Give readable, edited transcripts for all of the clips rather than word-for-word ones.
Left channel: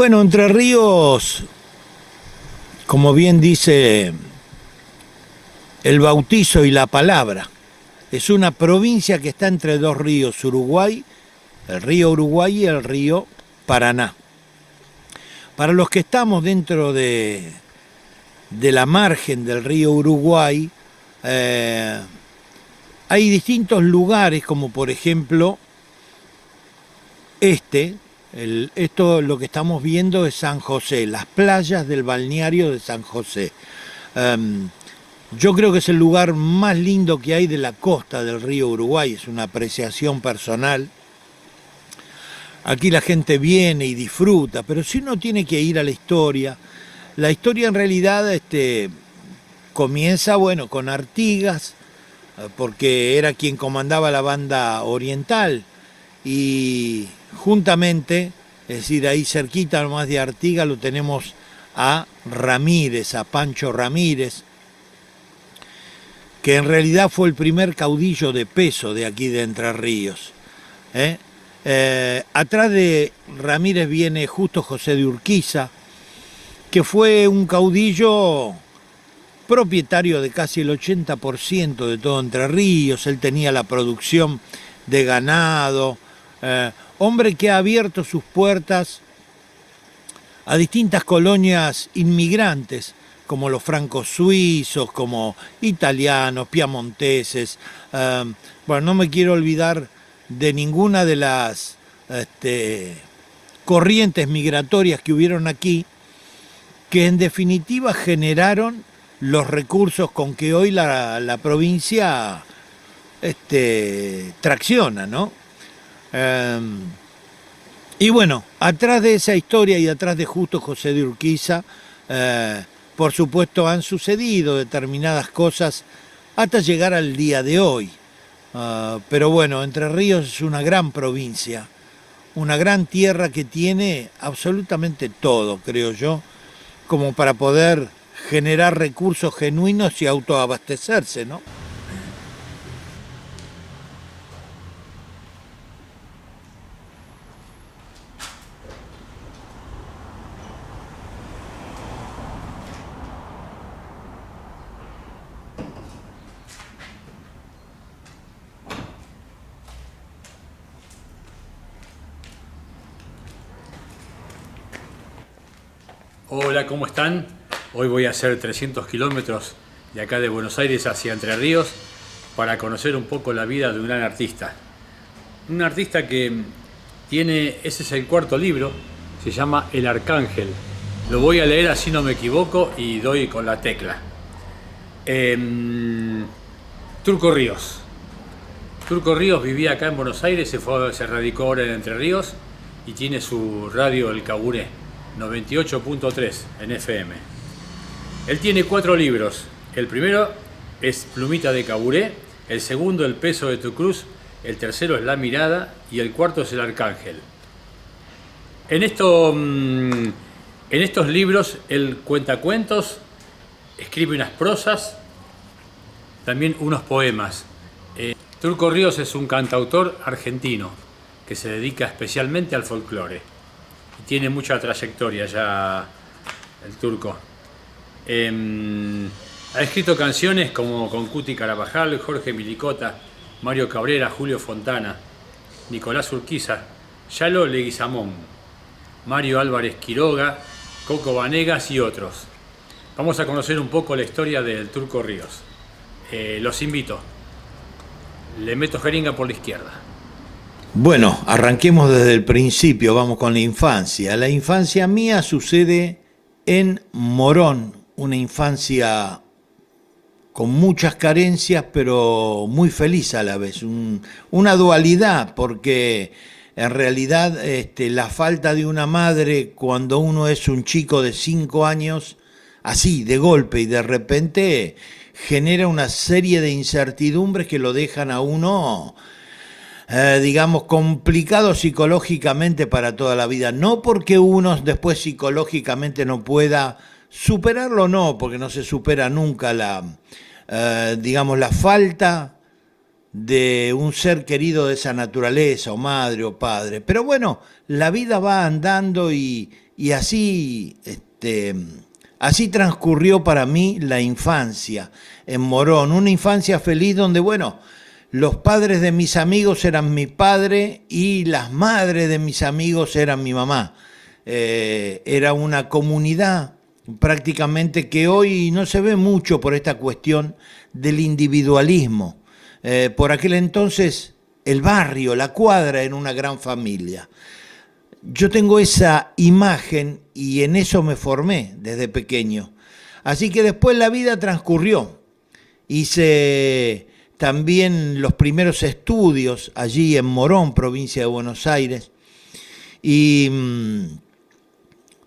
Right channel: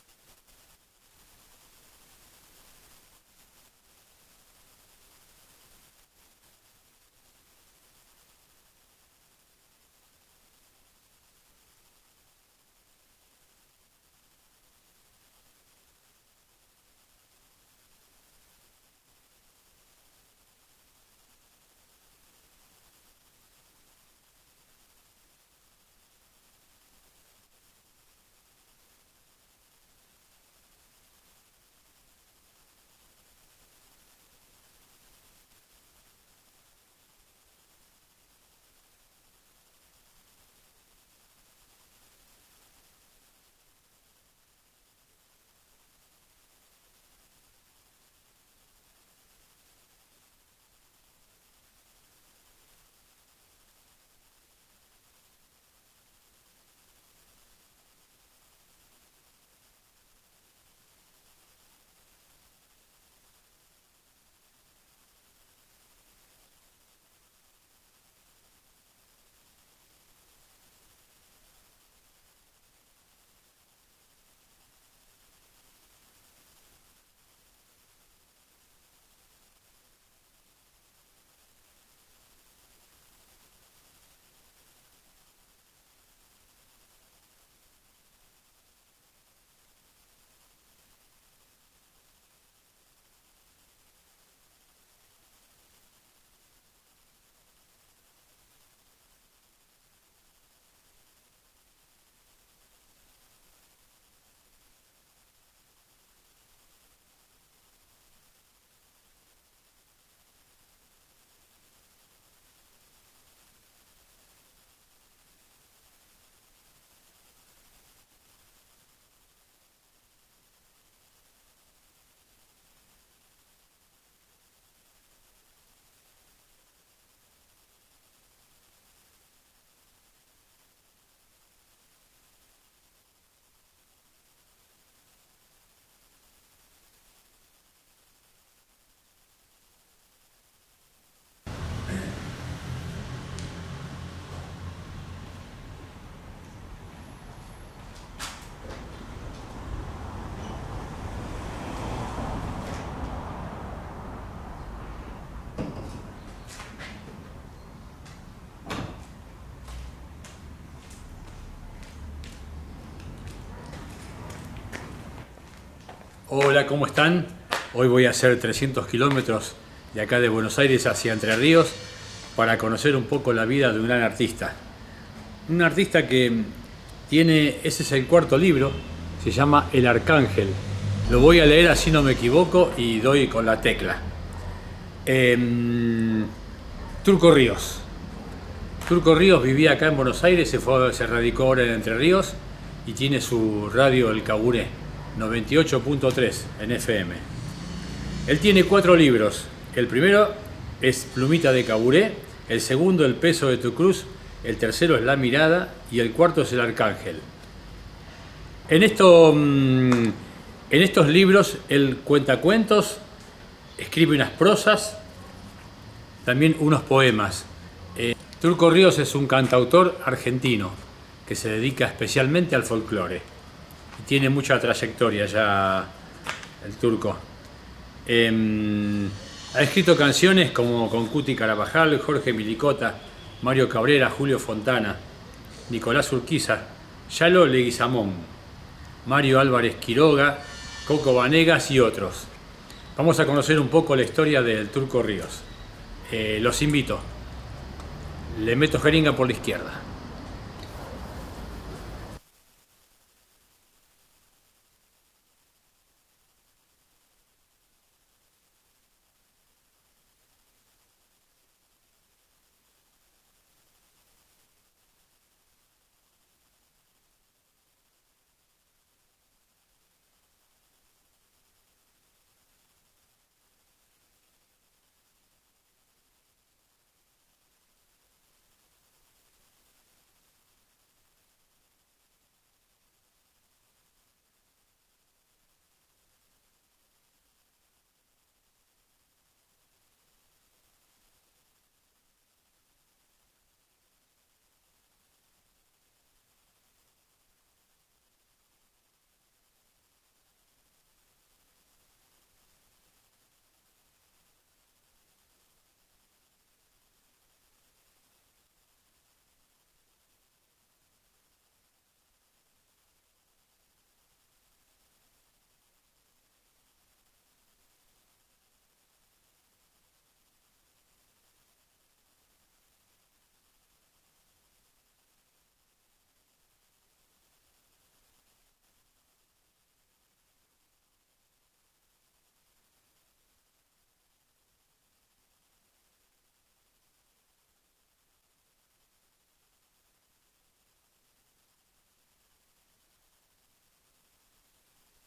Bueno, Entre Ríos, como bien dice el bautizo y la palabra, es una provincia que está entre dos ríos, Uruguay, el río Uruguay y el río Paraná. Para los que estamos dentro de la margen del río Uruguay, eh, hay distintos lugares, como por ejemplo esto lo que estamos viendo es San José, las playas del balneario de San José. Um, yo creo que es el lugar más lindo que hay de la costa del río Uruguay, es una apreciación personal. Aquí la gente viene y disfruta, pero si uno tiene que ir a la historia en realidad comienza, bueno, con Artigas, porque era quien comandaba la banda oriental, y juntamente, es decir, ahí cerquita nomás de Artigas lo tenemos a Ramírez, a Pancho Ramírez, que en realidad fue el primer caudillo de peso de aquí de Entre Ríos. ¿eh? Atrás de Ramírez viene Justo José de Urquiza, que fue un caudillo propietario de casi el 80% de todo Entre Ríos. Él tenía la producción de ganado, hombre que ha abierto sus puertas a distintas colonias inmigrantes, como los francos suizos, como italianos, piamonteses. Bueno, no me quiero olvidar de ninguna de las corrientes migratorias que hubieron aquí, que en definitiva generaron los recursos con que hoy la provincia tracciona, ¿no? Y bueno, atrás de esa historia y atrás de Justo José de Urquiza, por supuesto han sucedido determinadas cosas hasta llegar al día de hoy. Pero bueno, Entre Ríos es una gran provincia, una gran tierra que tiene absolutamente todo, creo yo, como para poder generar recursos genuinos y autoabastecerse, ¿no? Hola, ¿cómo están? Hoy voy a hacer 300 kilómetros de acá de Buenos Aires hacia Entre Ríos para conocer un poco la vida de un gran artista. Un artista que ese es el cuarto libro, se llama El Arcángel. Lo voy a leer así no me equivoco y doy con la tecla. Turco Ríos. Turco Ríos vivía acá en Buenos Aires, se radicó ahora en Entre Ríos y tiene su radio El Caburé, 98.3 en FM. Él tiene 4 libros. El primero es Plumita de Caburé, el segundo El peso de tu cruz, el tercero es La mirada y el cuarto es El Arcángel. En estos libros él cuenta cuentos, escribe unas prosas, también unos poemas. Turco Ríos es un cantautor argentino que se dedica especialmente al folclore y tiene mucha trayectoria ya el turco. Ha escrito canciones como con Cuti Carabajal, Jorge Milicota, Mario Cabrera, Julio Fontana, Nicolás Urquiza, Yalo Leguizamón, Mario Álvarez Quiroga, Coco Vanegas y otros. Vamos a conocer un poco la historia del Turco Ríos. Los invito. Le meto jeringa por la izquierda. Bueno, arranquemos desde el principio, vamos con la infancia. La infancia mía sucede en Morón, una infancia con muchas carencias, pero muy feliz a la vez. Una dualidad, porque en realidad la falta de una madre cuando uno es un chico de 5 años, así, de golpe y de repente, genera una serie de incertidumbres que lo dejan a uno, digamos, complicado psicológicamente para toda la vida. No porque uno después psicológicamente no pueda superarlo, no, porque no se supera nunca digamos, la falta de un ser querido de esa naturaleza, o madre o padre. Pero bueno, la vida va andando y así, así transcurrió para mí la infancia en Morón, una infancia feliz donde, bueno, los padres de mis amigos eran mi padre y las madres de mis amigos eran mi mamá. Era una comunidad prácticamente que hoy no se ve mucho por esta cuestión del individualismo. Por aquel entonces el barrio, la cuadra era una gran familia. Yo tengo esa imagen y en eso me formé desde pequeño. Así que después la vida transcurrió. Hice también los primeros estudios allí en Morón, provincia de Buenos Aires. Y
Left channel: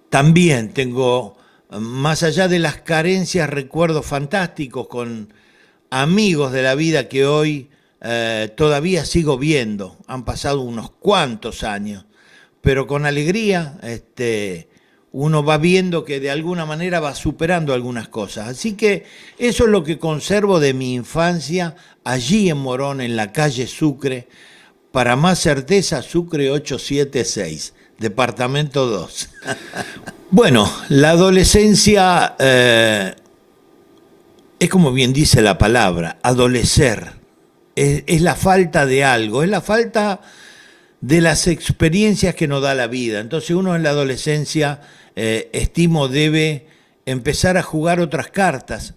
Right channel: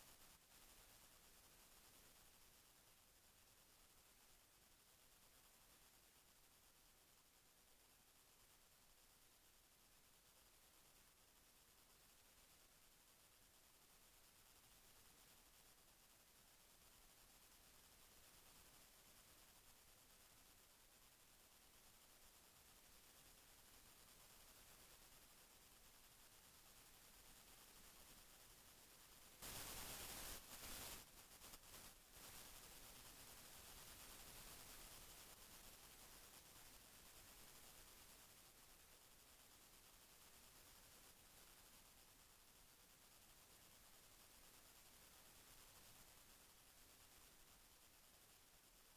también tengo, más allá de las carencias, recuerdos fantásticos con amigos de la vida que hoy todavía sigo viendo. Han pasado unos cuantos años, pero con alegría uno va viendo que de alguna manera va superando algunas cosas. Así que eso es lo que conservo de mi infancia allí en Morón, en la calle Sucre. Para más certeza, Sucre 876, departamento 2. Bueno, la adolescencia es como bien dice la palabra, adolecer. Es la falta de algo, es la falta de las experiencias que nos da la vida. Entonces uno en la adolescencia, estimo, debe empezar a jugar otras cartas,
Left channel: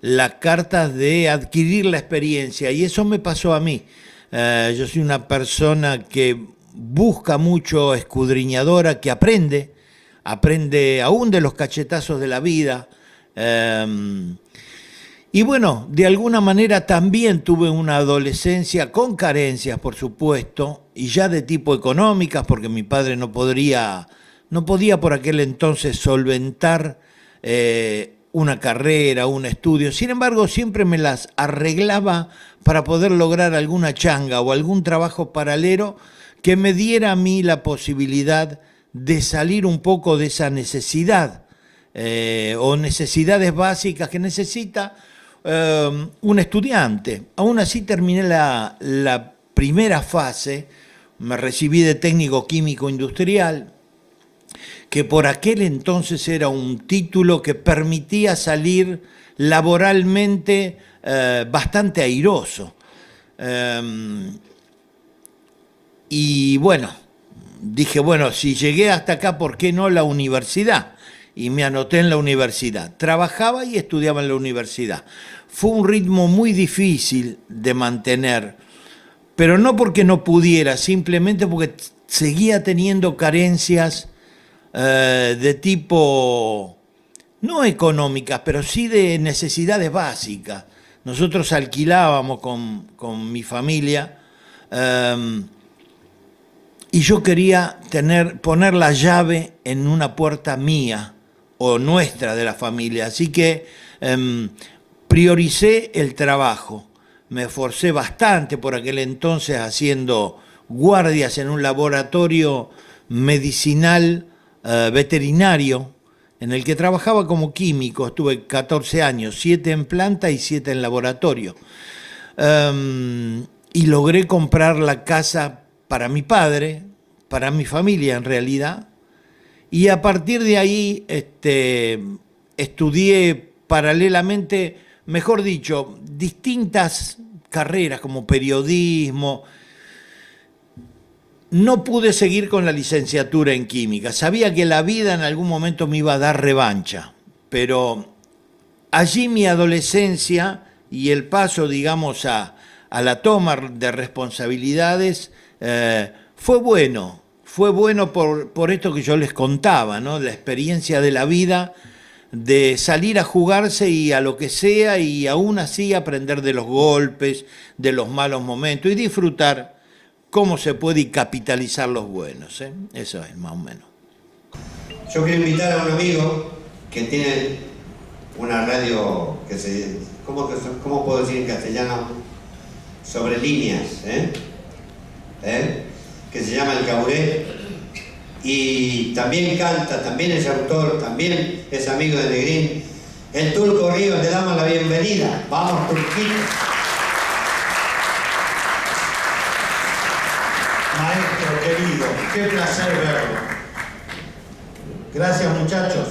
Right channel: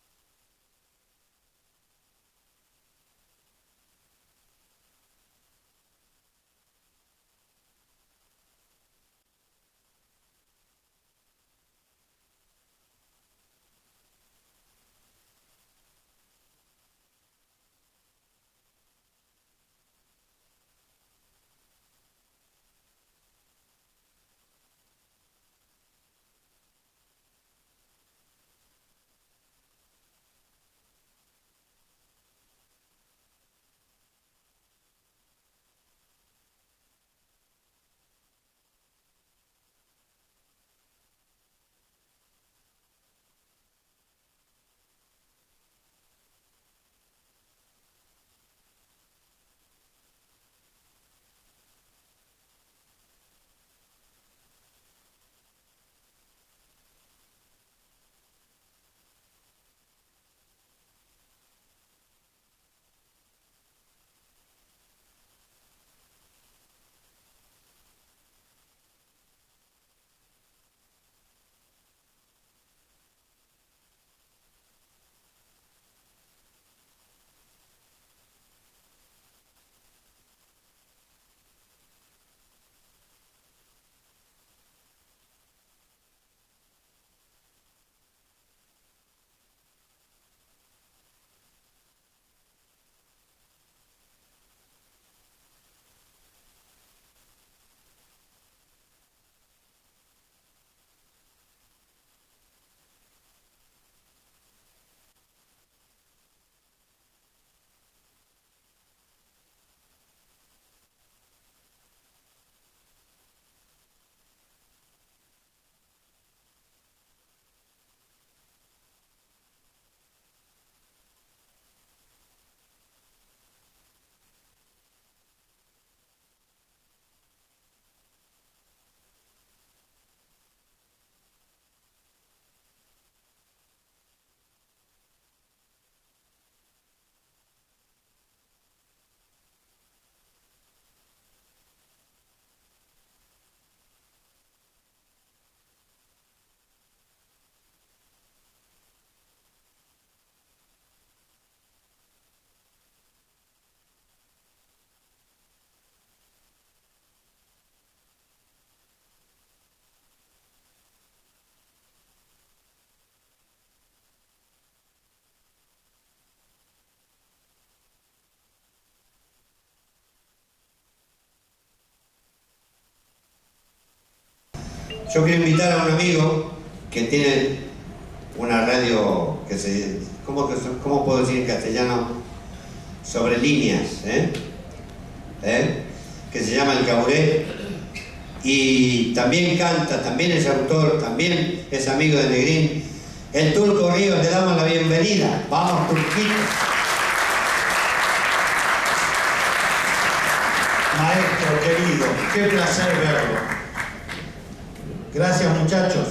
las cartas de adquirir la experiencia, y eso me pasó a mí. Yo soy una persona que busca mucho, escudriñadora, que aprende aún de los cachetazos de la vida. Y bueno, de alguna manera también tuve una adolescencia con carencias, por supuesto, y ya de tipo económicas, porque mi padre no podía por aquel entonces solventar una carrera, un estudio. Sin embargo, siempre me las arreglaba para poder lograr alguna changa o algún trabajo paralelo que me diera a mí la posibilidad de salir un poco de esa necesidad o necesidades básicas que necesita un estudiante. Aún así terminé la primera fase, me recibí de técnico químico industrial, que por aquel entonces era un título que permitía salir laboralmente bastante airoso. Y bueno, dije, bueno, si llegué hasta acá, ¿por qué no la universidad? Y me anoté en la universidad. Trabajaba y estudiaba en la universidad. Fue un ritmo muy difícil de mantener, pero no porque no pudiera, simplemente porque seguía teniendo carencias de tipo, no económicas, pero sí de necesidades básicas. Nosotros alquilábamos con mi familia y yo quería poner la llave en una puerta mía o nuestra de la familia. Así que prioricé el trabajo. Me esforcé bastante por aquel entonces haciendo guardias en un laboratorio medicinal veterinario en el que trabajaba como químico. Estuve 14 años, 7 en planta y 7 en laboratorio. Y logré comprar la casa para mi padre, para mi familia en realidad. Y a partir de ahí estudié paralelamente, mejor dicho, distintas carreras como periodismo. No pude seguir con la licenciatura en química. Sabía que la vida en algún momento me iba a dar revancha, pero allí mi adolescencia y el paso, digamos, a la toma de responsabilidades fue bueno. Fue bueno por esto que yo les contaba, ¿no? La experiencia de la vida, de salir a jugarse y a lo que sea, y aún así aprender de los golpes, de los malos momentos y disfrutar cómo se puede y capitalizar los buenos. Eso es, más o menos. Yo quiero invitar a un amigo que tiene una radio que ¿cómo puedo decir en castellano? Sobre líneas, que se llama El Caburé, y también canta, también es autor, también es amigo de Negrín. El Turco Ríos, le damos la bienvenida. Vamos, Turquito. qué placer verlo. Gracias, muchachos.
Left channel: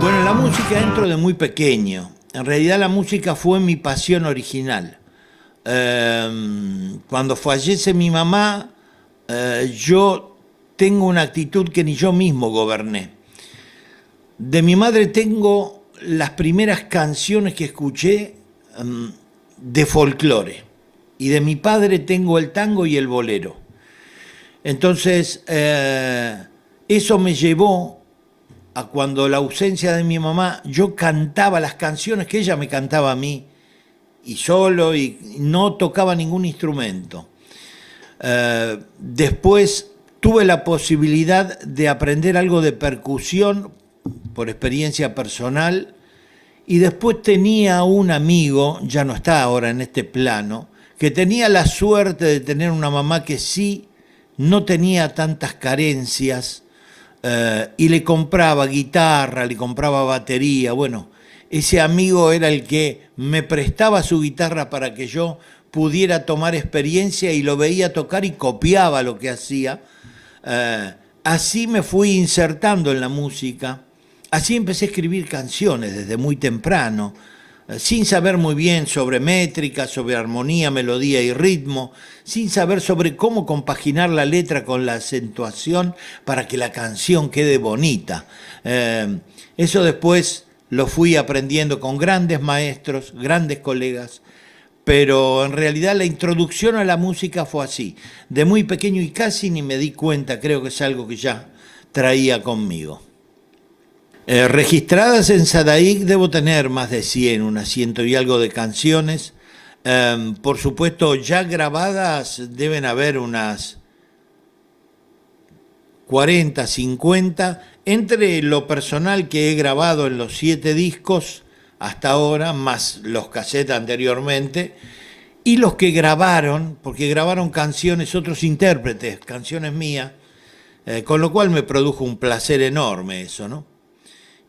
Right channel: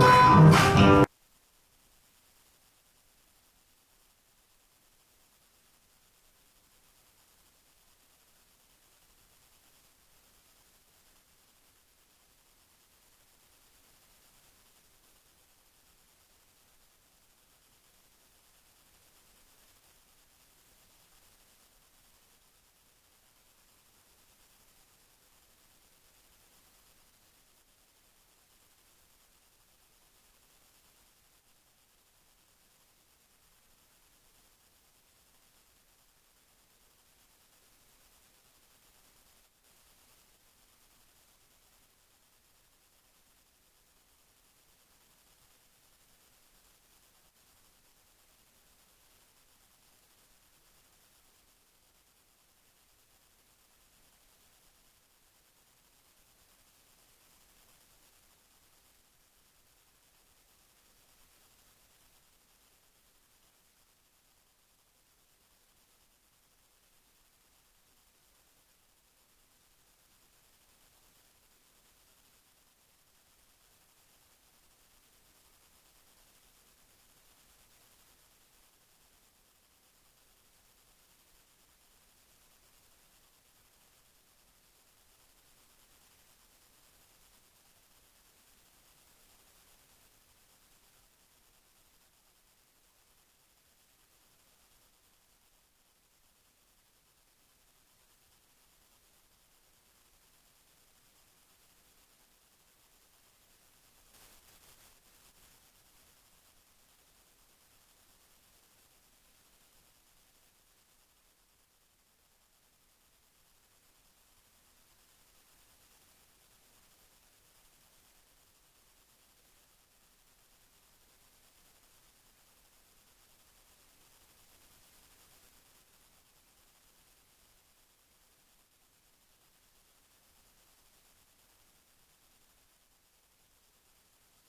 Bueno, la música entro de muy pequeño. En realidad la música fue mi pasión original. Cuando fallece mi mamá, yo tengo una actitud que ni yo mismo goberné. De mi madre tengo las primeras canciones que escuché de folclore. Y de mi padre tengo el tango y el bolero. Entonces, eso me llevó a cuando la ausencia de mi mamá, yo cantaba las canciones que ella me cantaba a mí, y solo, y no tocaba ningún instrumento. Después tuve la posibilidad de aprender algo de percusión por experiencia personal, y después tenía un amigo, ya no está ahora en este plano, que tenía la suerte de tener una mamá que sí no tenía tantas carencias, y le compraba guitarra, le compraba batería. Bueno, ese amigo era el que me prestaba su guitarra para que yo pudiera tomar experiencia, y lo veía tocar y copiaba lo que hacía. Así me fui insertando en la música, así empecé a escribir canciones desde muy temprano, sin saber muy bien sobre métrica, sobre armonía, melodía y ritmo, sin saber sobre cómo compaginar la letra con la acentuación para que la canción quede bonita. Eso después lo fui aprendiendo con grandes maestros, grandes colegas, pero en realidad la introducción a la música fue así, de muy pequeño, y casi ni me di cuenta, creo que es algo que ya traía conmigo. Registradas en Sadaic debo tener más de 100, unas 100 y algo de canciones. Por supuesto, ya grabadas deben haber unas 40, 50, entre lo personal que he grabado en los 7 discos hasta ahora, más los cassettes anteriormente, y los que grabaron, porque grabaron canciones, otros intérpretes, canciones mías, con lo cual me produjo un placer enorme eso, ¿no?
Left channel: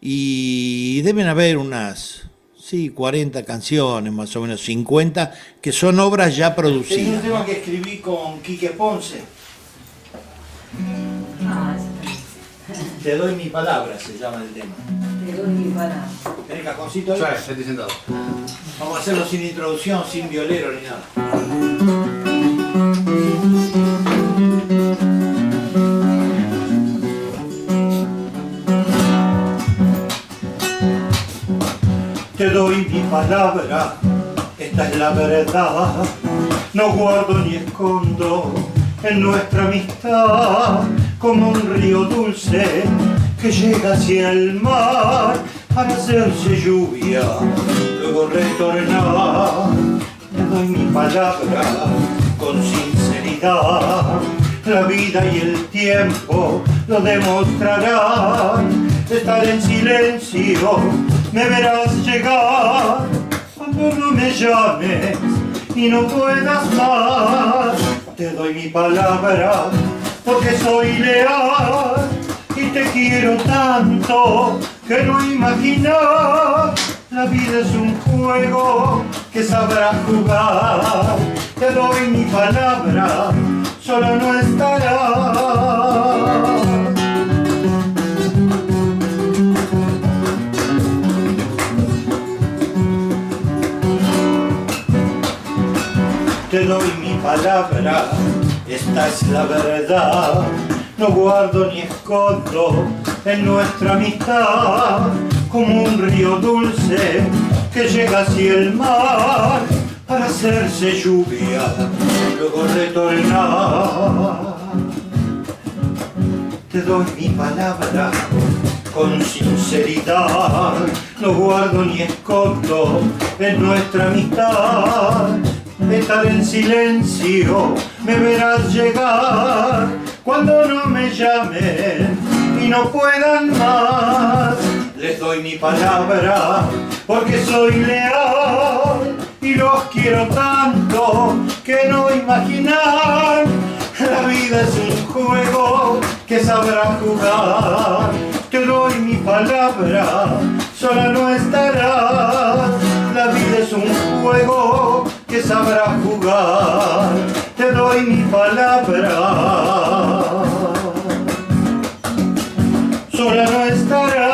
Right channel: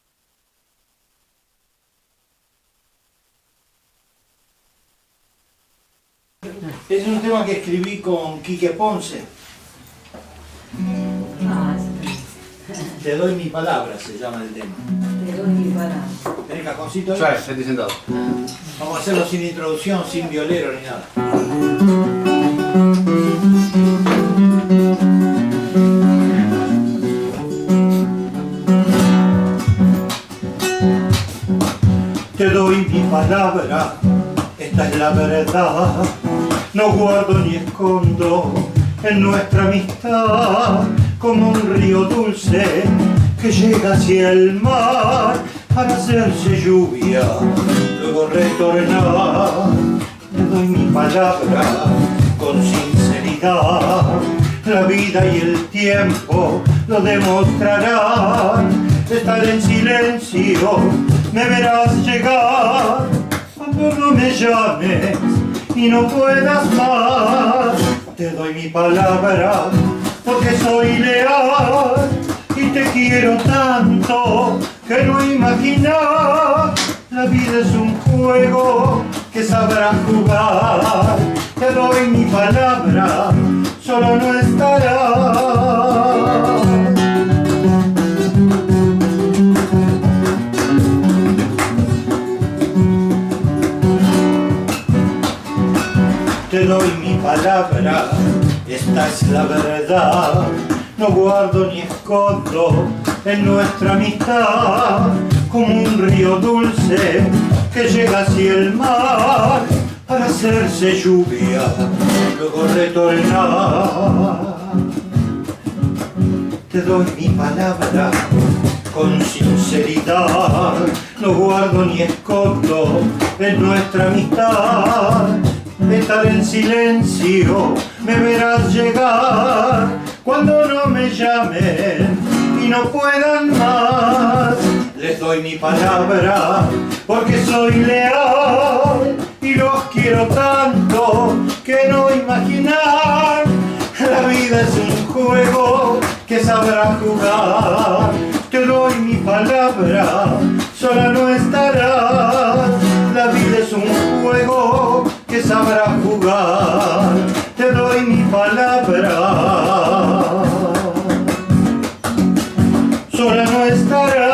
Y deben haber unas, sí, 40 canciones, más o menos 50, que son obras ya producidas. Es un tema que escribí con Quique Ponce. Te doy mi palabra, se llama el tema. Te doy mi palabra. ¿Tenés cajoncito ahí? Ya, estoy sentado. Vamos a hacerlo sin introducción, sin violero ni nada. Te doy mi palabra, esta es la verdad. No guardo ni escondo en nuestra amistad, como un río dulce que llega hacia el mar para hacerse lluvia, luego retornar. Te doy mi palabra con sinceridad, la vida y el tiempo lo demostrarán. Estar en silencio, me verás llegar cuando no me llames y no puedas más. Te doy mi palabra porque soy leal y te quiero tanto que no imaginar. La vida es un juego que sabrás jugar. Te doy mi palabra, solo no estarás. Te doy mi palabra, esta es la verdad. No guardo ni escondo en nuestra amistad, como un río dulce que llega hacia el mar para hacerse lluvia, luego retornar. Te doy mi palabra con sinceridad, no guardo ni escondo en nuestra amistad. Estar en silencio, me verás llegar cuando no me llamen y no puedan más. Les doy mi palabra porque soy leal y los quiero tanto que no imaginar. La vida es un juego que sabrá jugar. Te doy mi palabra, sola no está. luego que sabrás jugar, te doy mi palabra. Sola no estará.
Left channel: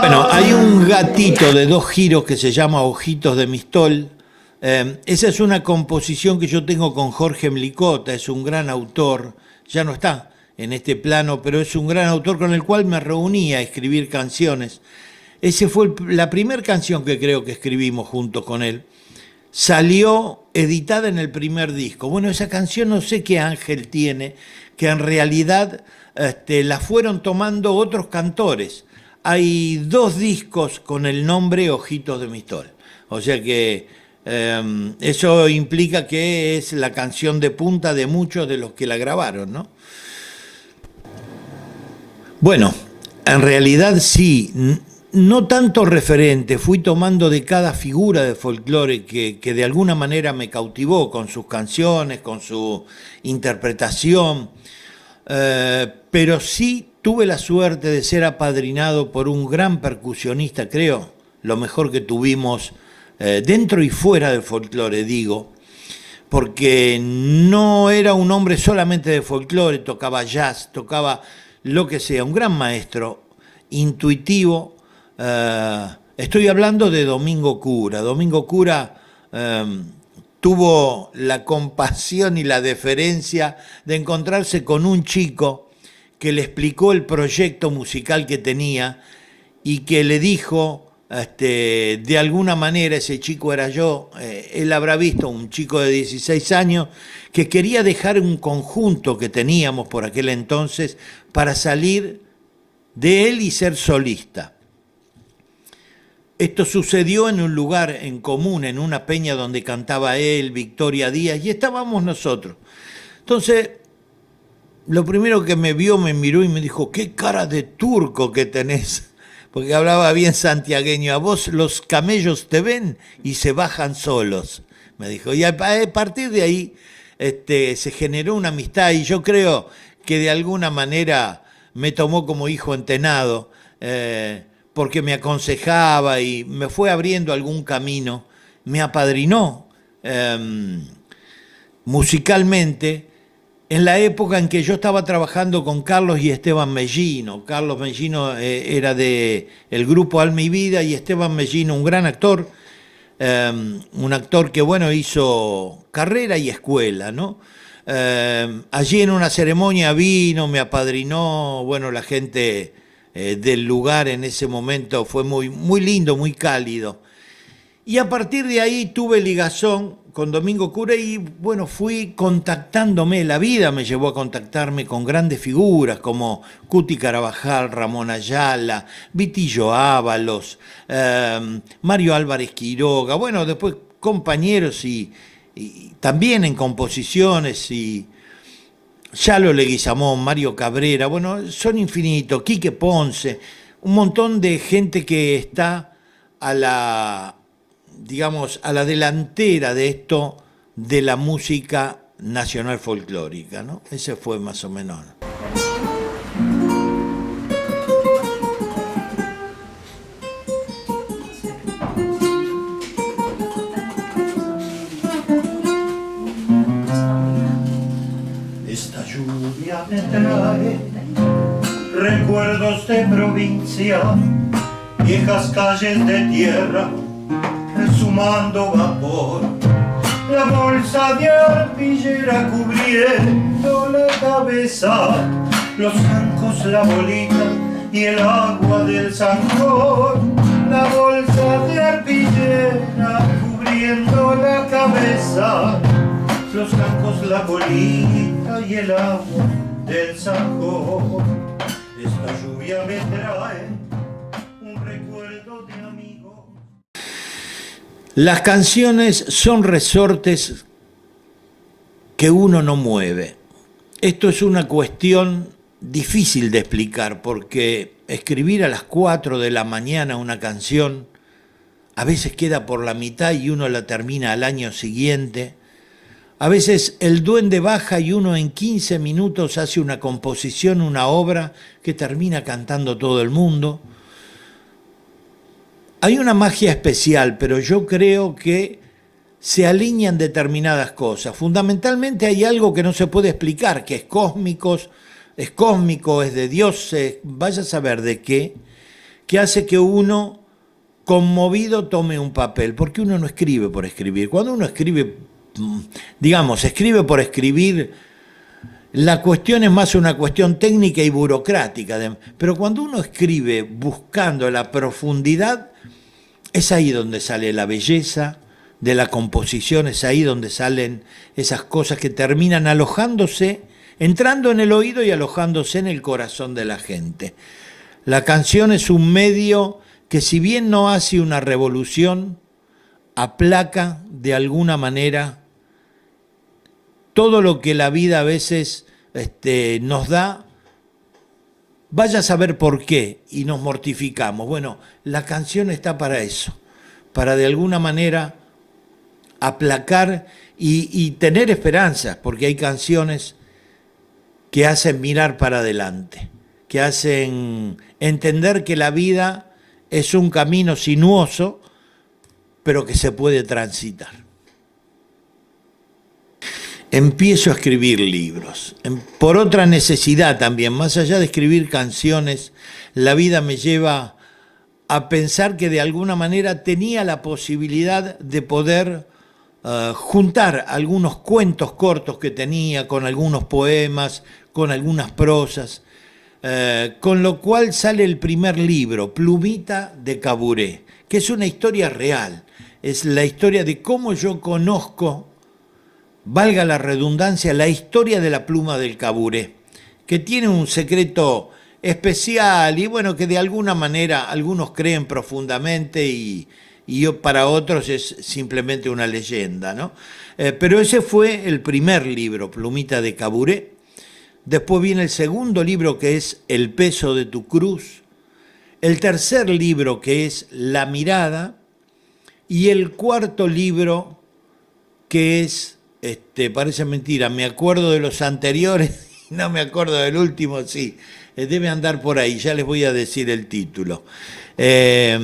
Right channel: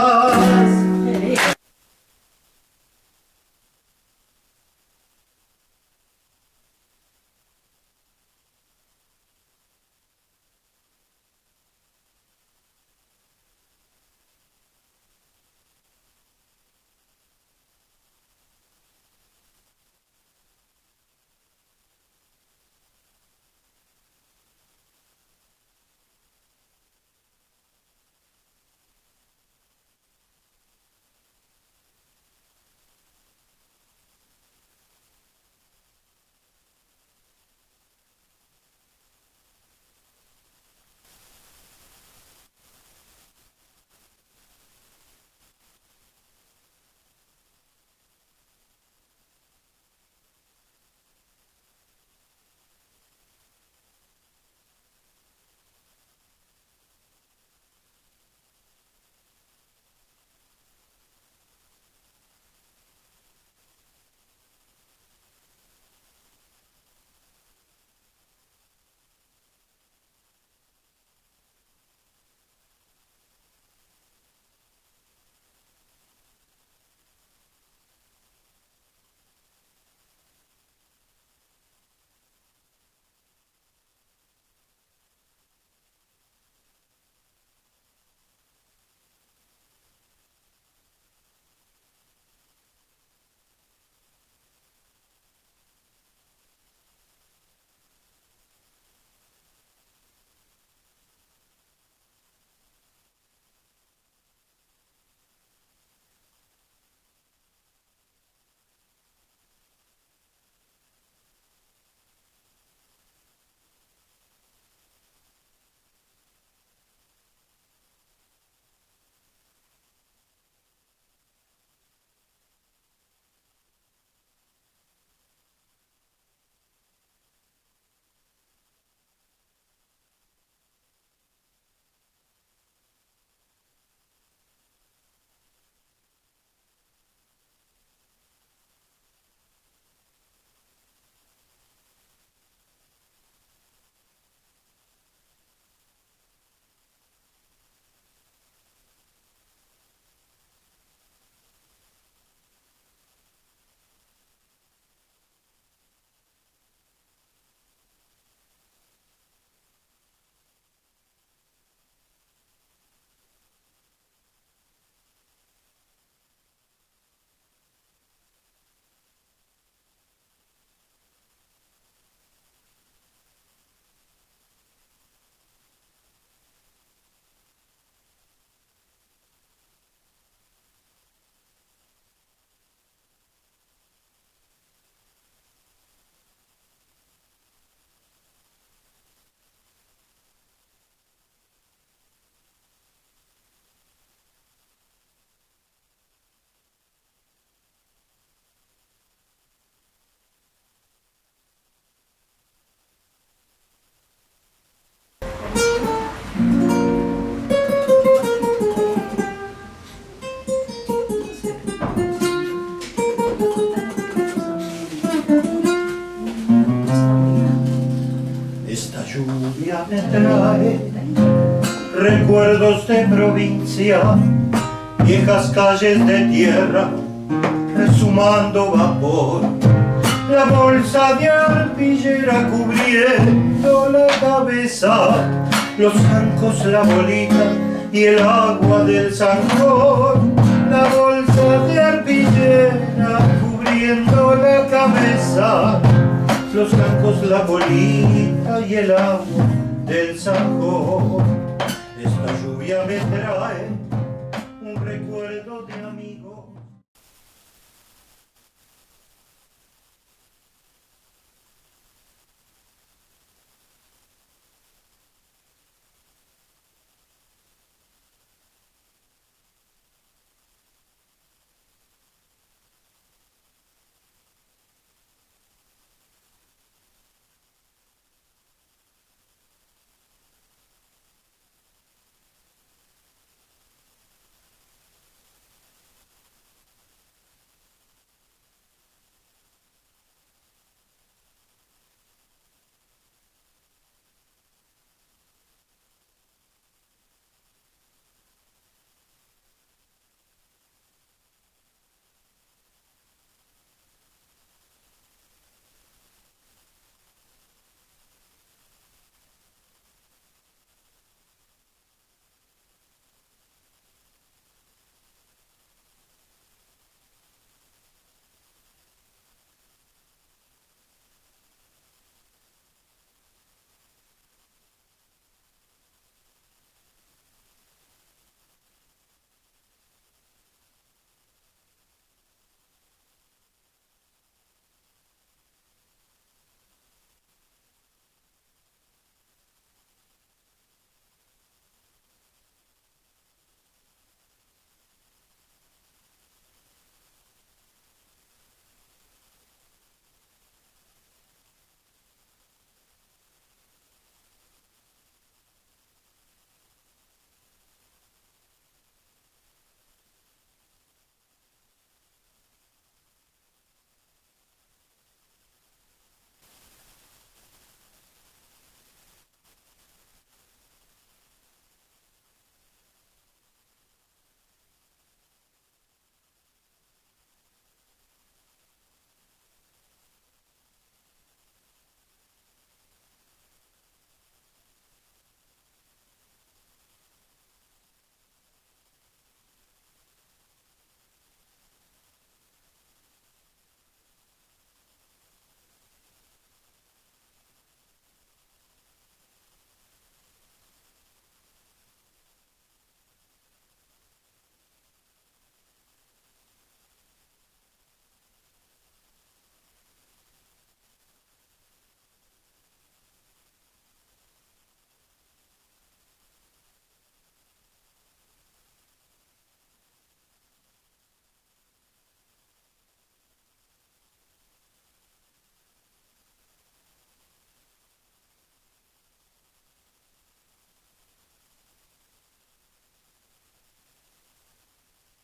Bueno, hay un gatito de 2 giros que se llama Ojitos de Mistol. Esa es una composición que yo tengo con Jorge Mlicota, es un gran autor, ya no está en este plano, pero es un gran autor con el cual me reuní a escribir canciones. Esa fue la primera canción que creo que escribimos juntos con él. Salió editada en el primer disco. Bueno, esa canción no sé qué ángel tiene, que en realidad la fueron tomando otros cantores. Hay 2 discos con el nombre Ojitos de Mistol. O sea que eso implica que es la canción de punta de muchos de los que la grabaron, ¿no? Bueno, en realidad sí, no tanto referente, fui tomando de cada figura de folclore que de alguna manera me cautivó con sus canciones, con su interpretación, pero sí tuve la suerte de ser apadrinado por un gran percusionista, creo, lo mejor que tuvimos dentro y fuera del folclore, digo, porque no era un hombre solamente de folclore, tocaba jazz, tocaba lo que sea, un gran maestro, intuitivo. Estoy hablando de Domingo Cura. Domingo Cura tuvo la compasión y la deferencia de encontrarse con un chico que le explicó el proyecto musical que tenía y que le dijo, de alguna manera, ese chico era yo, él habrá visto un chico de 16 años que quería dejar un conjunto que teníamos por aquel entonces para salir de él y ser solista. Esto sucedió en un lugar en común, en una peña donde cantaba él, Victoria Díaz, y estábamos nosotros. Entonces, lo primero que me vio, me miró y me dijo, qué cara de turco que tenés, porque hablaba bien santiagueño, a vos los camellos te ven y se bajan solos, me dijo. Y a partir de ahí se generó una amistad y yo creo que de alguna manera me tomó como hijo entenado, porque me aconsejaba y me fue abriendo algún camino, me apadrinó musicalmente en la época en que yo estaba trabajando con Carlos y Esteban Mellino. Carlos Mellino era del grupo Alma y Vida y Esteban Mellino, un gran actor, un actor que bueno hizo carrera y escuela, ¿no? Allí en una ceremonia vino, me apadrinó, bueno, la gente del lugar en ese momento fue muy, muy lindo, muy cálido. Y a partir de ahí tuve ligazón con Domingo Cura y bueno, fui contactándome, la vida me llevó a contactarme con grandes figuras como Cuti Carabajal, Ramón Ayala, Vitillo Ábalos, Mario Álvarez Quiroga, bueno, después compañeros y también en composiciones y Yalo Leguizamón, Mario Cabrera, bueno, son infinitos, Quique Ponce, un montón de gente que está a la, digamos, a la delantera de esto de la música nacional folclórica, ¿no? Ese fue más o menos. Esta lluvia me trae recuerdos de provincia, viejas calles de tierra, resumando vapor, la bolsa de arpillera cubriendo la cabeza, los zancos, la bolita y el agua del zancón, la bolsa de arpillera cubriendo la cabeza, los zancos, la bolita y el agua del zancón. Esta lluvia me trae un recuerdo de amigo. Las canciones son resortes que uno no mueve. Esto es una cuestión difícil de explicar porque escribir a las 4 de la mañana una canción a veces queda por la mitad y uno la termina al año siguiente. A veces el duende baja y uno en 15 minutos hace una composición, una obra que termina cantando todo el mundo. Hay una magia especial, pero yo creo que se alinean determinadas cosas. Fundamentalmente hay algo que no se puede explicar, que es cósmico, es de Dios, vaya a saber de qué, que hace que uno conmovido tome un papel, porque uno no escribe por escribir. Cuando uno escribe, digamos, escribe por escribir, la cuestión es más una cuestión técnica y burocrática, pero cuando uno escribe buscando la profundidad, es ahí donde sale la belleza de la composición, es ahí donde salen esas cosas que terminan alojándose, entrando en el oído y alojándose en el corazón de la gente. La canción es un medio que, si bien no hace una revolución, aplaca de alguna manera todo lo que la vida a veces nos da. Vaya a saber por qué y nos mortificamos. Bueno, la canción está para eso, para de alguna manera aplacar y tener esperanzas, porque hay canciones que hacen mirar para adelante, que hacen entender que la vida es un camino sinuoso, pero que se puede transitar. Empiezo a escribir libros, por otra necesidad también, más allá de escribir canciones, la vida me lleva a pensar que de alguna manera tenía la posibilidad de poder juntar algunos cuentos cortos que tenía con algunos poemas, con algunas prosas, con lo cual sale el primer libro, Plumita de Caburé, que es una historia real, es la historia de cómo yo conozco, valga la redundancia, la historia de la pluma del Caburé, que tiene un secreto especial y bueno, que de alguna manera algunos creen profundamente y para otros es simplemente una leyenda, ¿no? Pero ese fue el primer libro, Plumita de Caburé. Después viene el segundo libro, que es El peso de tu cruz. El tercer libro, que es La mirada. Y el cuarto libro, que es, parece mentira, me acuerdo de los anteriores y no me acuerdo del último, sí. Debe andar por ahí, ya les voy a decir el título. Es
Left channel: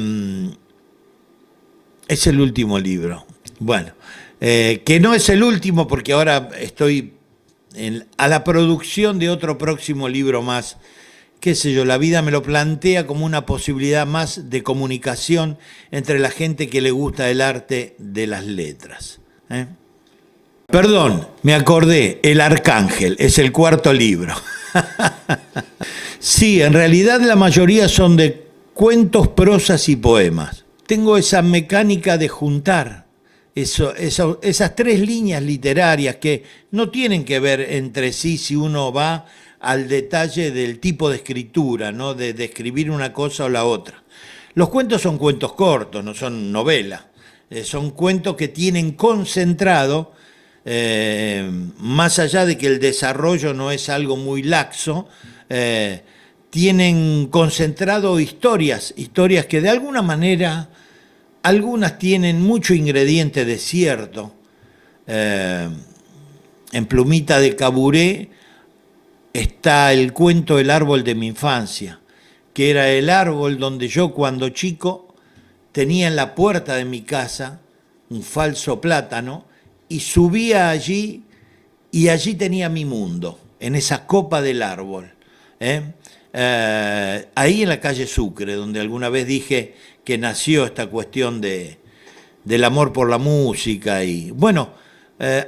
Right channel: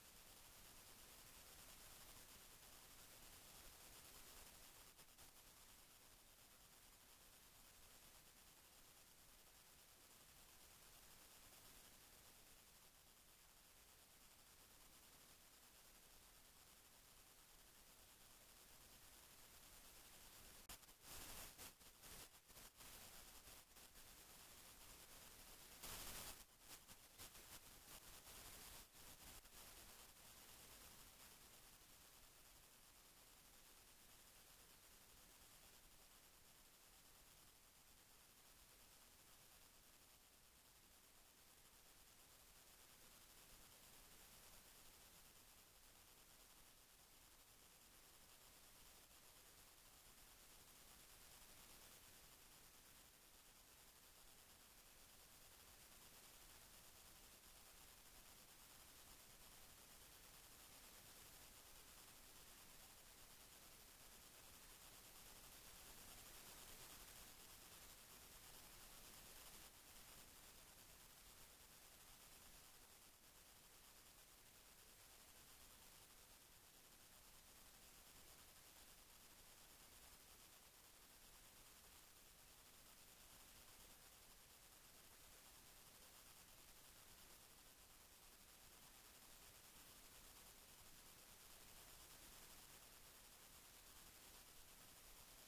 el último libro. Bueno, que no es el último porque ahora estoy a la producción de otro próximo libro más. Qué sé yo, la vida me lo plantea como una posibilidad más de comunicación entre la gente que le gusta el arte de las letras. Perdón, me acordé, El Arcángel, es el cuarto libro. Sí, en realidad la mayoría son de cuentos, prosas y poemas. Tengo esa mecánica de juntar esas tres líneas literarias que no tienen que ver entre sí si uno va al detalle del tipo de escritura, ¿no? De escribir una cosa o la otra. Los cuentos son cuentos cortos, no son novelas. Son cuentos que tienen concentrado, más allá de que el desarrollo no es algo muy laxo, tienen concentrado historias que de alguna manera, algunas tienen mucho ingrediente de cierto. En Plumita de Caburé está el cuento El árbol de mi infancia, que era el árbol donde yo cuando chico tenía en la puerta de mi casa un falso plátano y subía allí y allí tenía mi mundo, en esa copa del árbol. Ahí en la calle Sucre, donde alguna vez dije que nació esta cuestión del amor por la música. Y bueno,